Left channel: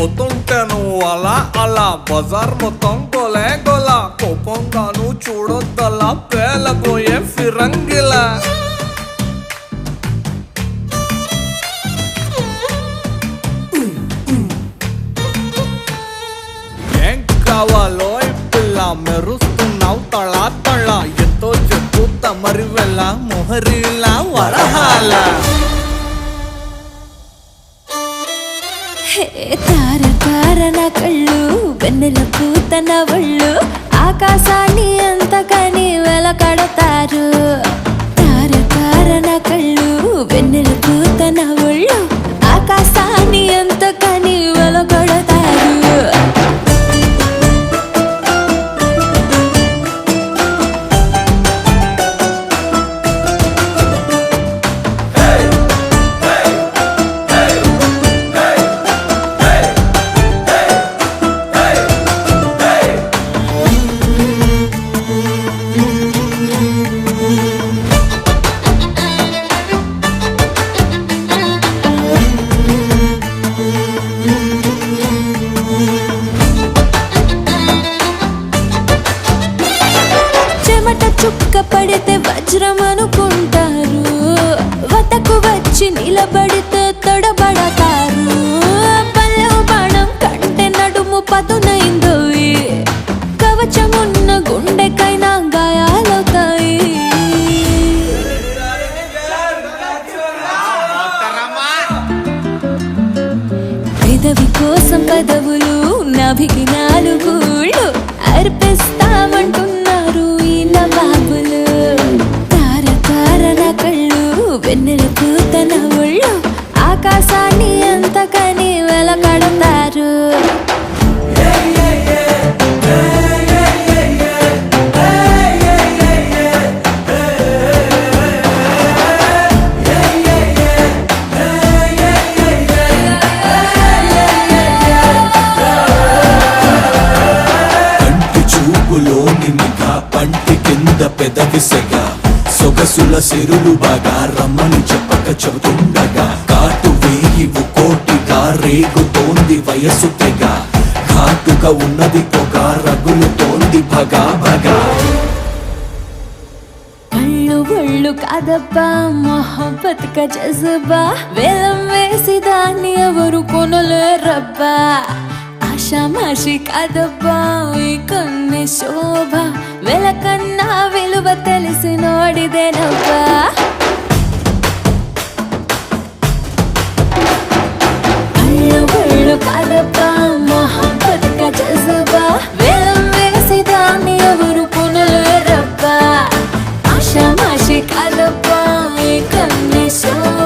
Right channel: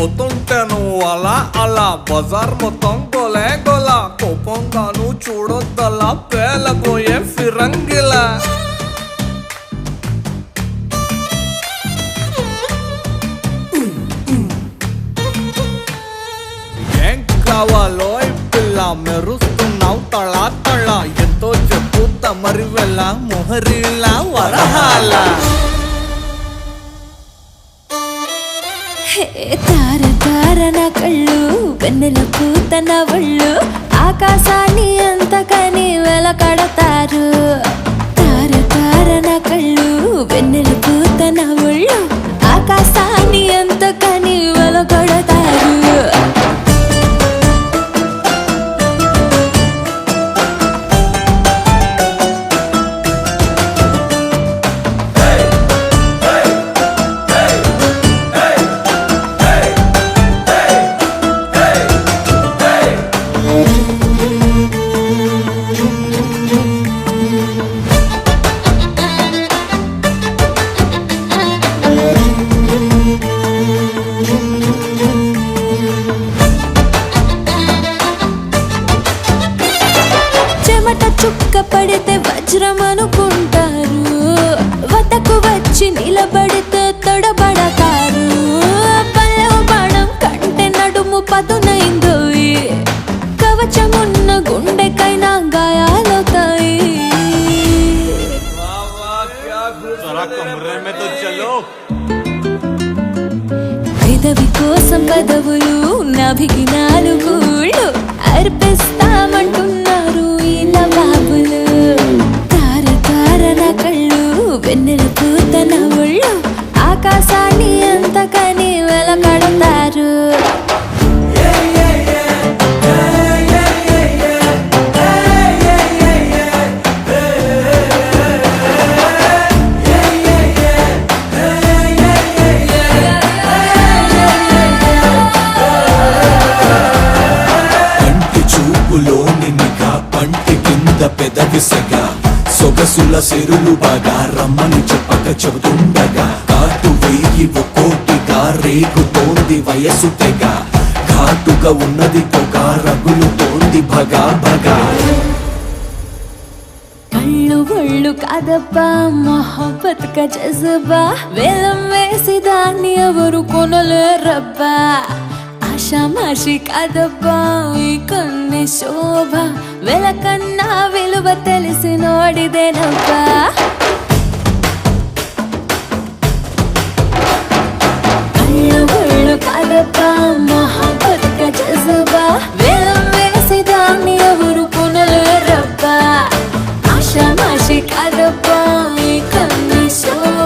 పోతుంటే నువ్వు అలా అలా బజార్ మొత్తం గోలే గోలా కోపంగా నువ్వు చూడొద్దలా పేలబోయే ఫిరంగిలా ఏం కావాలో ఈ పిల్ల మెరుస్తున్నావు తళా తళ ఎంతో చెప్పు తమరి వెళ్ళ మొహరిలా వరహాల తార తార నా కళ్ళు వెన్నెల పూత నా ఒళ్ళు ఆకాశాన్ని ఎంతకని వెలకడతారు తార తార నా కళ్ళు వెన్నెల పూత నా ఒళ్ళు ఆకాశాన్ని ఎంతకని వెలకడతారు చెమట చుక్క పడితే వజ్రం అనుకుంటారు వతకు వచ్చి నిలబడితే తొడబడతారు పల్లె బాణం కంటే నడుము పదునైందో కవచమున్న గుండెకైనా గాయాలవుతాయి పెదవి కోసం పదవులు నాభికి నాలుగుళ్ళు అర్పిస్తామంటున్నారు ఈ నవాబులు తార తార నా కళ్ళు వెన్నెల పూత నా ఒళ్ళు ఆకాశాన్ని ఎంతకని వెలకడతారు పంటి కింద పెదవిసగా సొగసుల సిరులు బాగా రమ్మని చెప్పక చెబుతుండగా కాటు వేయి కోటిగా రేగుతోంది వయసు తెగ ఘాటుగా ఉన్నది పొగ రగులుతోంది భగా భగా కళ్ళు ఒళ్ళు కాదబ్బా మొహబ్బత్ కా జజ్బా వేలం వేసి దాన్ని ఎవరు కొనలేరబ్బా ఆషామాషి కాదబ్బా ఈ కన్నే శోభ వెలకన్నా విలువ తెలిసి నోడిదేనబ్బా కళ్ళు ఒళ్ళు కాదబ్బా మొహబ్బత్ కా జజ్బా వేలం వేసి దాన్ని ఎవరు కొనలేరబ్బా ఆషామాషి కాదబ్బా ఈ కన్నే శోభ